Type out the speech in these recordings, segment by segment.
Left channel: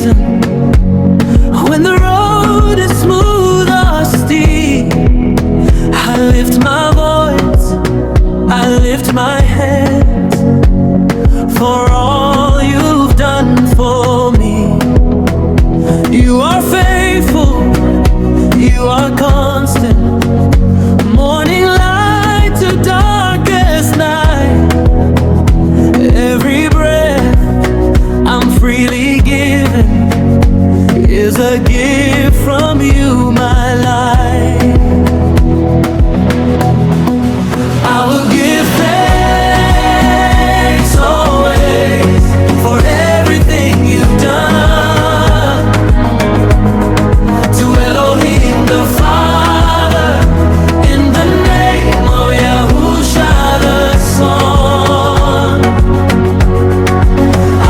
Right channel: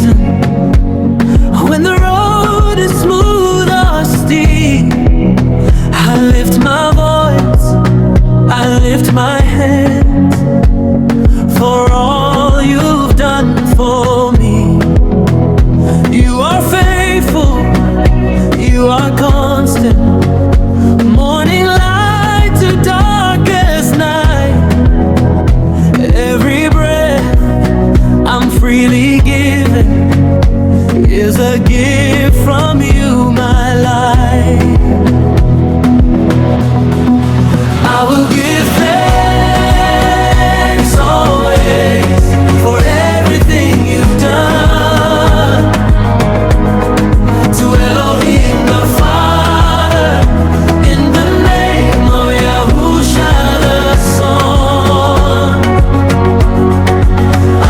season, when the road is smooth or steep, I lift my voice, I lift my hands for all you've done for me. You are faithful, you are constant, morning light to darkest night. Every breath I'm freely given is a gift from you, my life. I will give thanks always for everything you've done. To Elohim the Father, in the name of Yahusha the Son,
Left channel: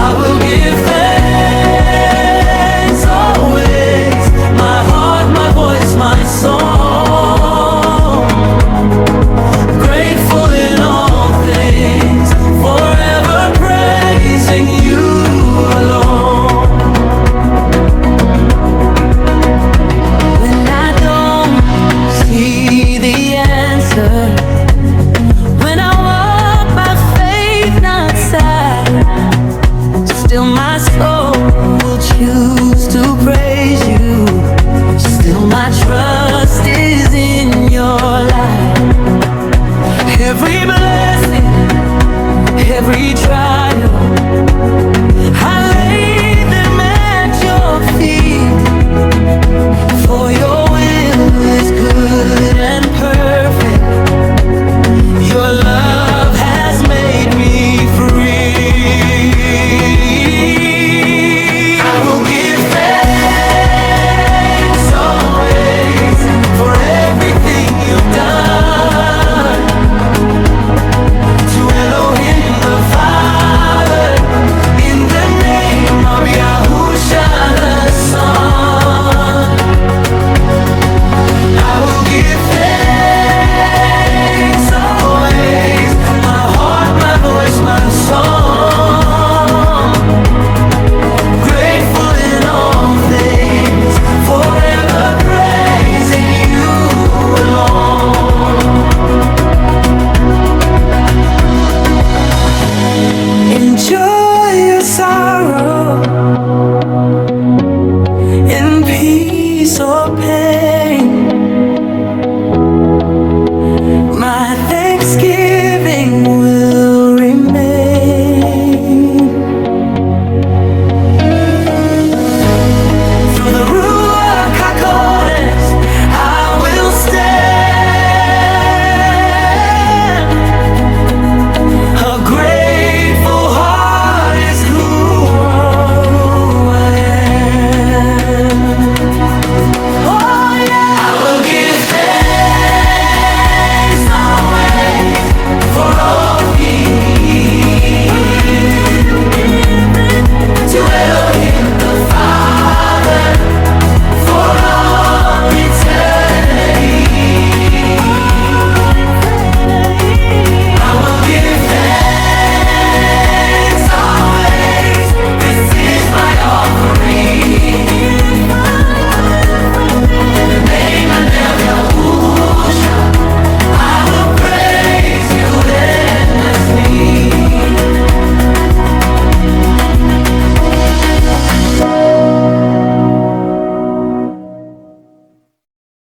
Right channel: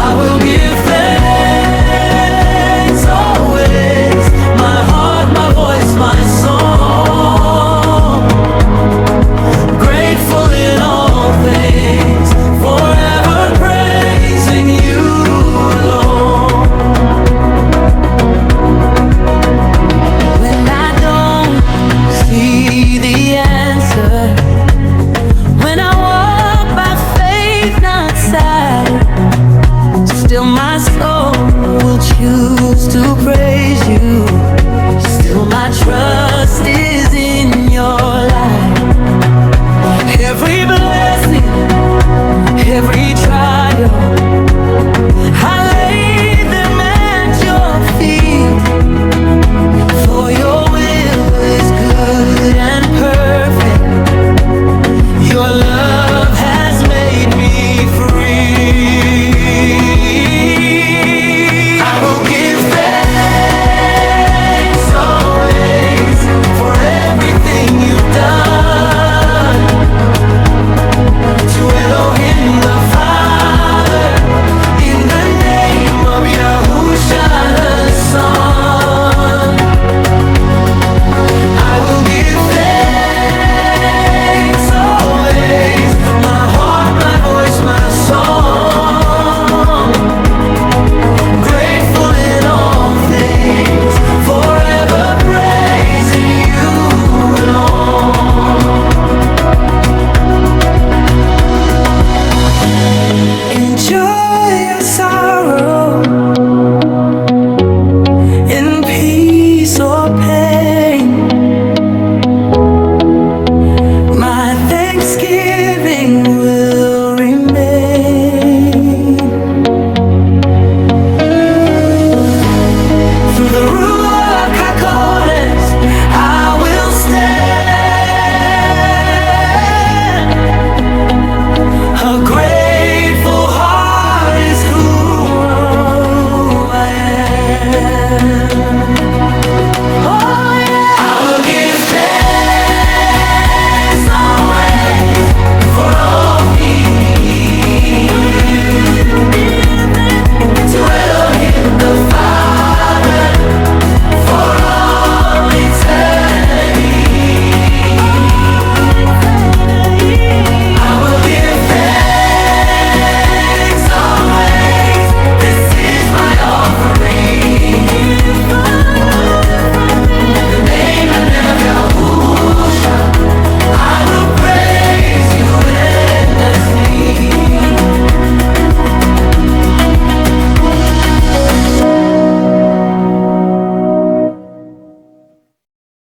I will give thanks always, my heart, my voice, my song. Grateful in all things, forever praising you alone. When I don't see the answer, when I walk by faith, not sight, still my soul will choose to praise you. Still my trust is in your light. Every blessing, every trial, I lay them at your feet. For your will is good and perfect. Your love has made me free. I will give thanks always for everything you've done. To Elohim the Father, in the name of Yahusha the Son, I will give thanks always, my heart, my voice, my song. Grateful in all things, forever praising you alone. Enjoy your sorrow in peace or pain.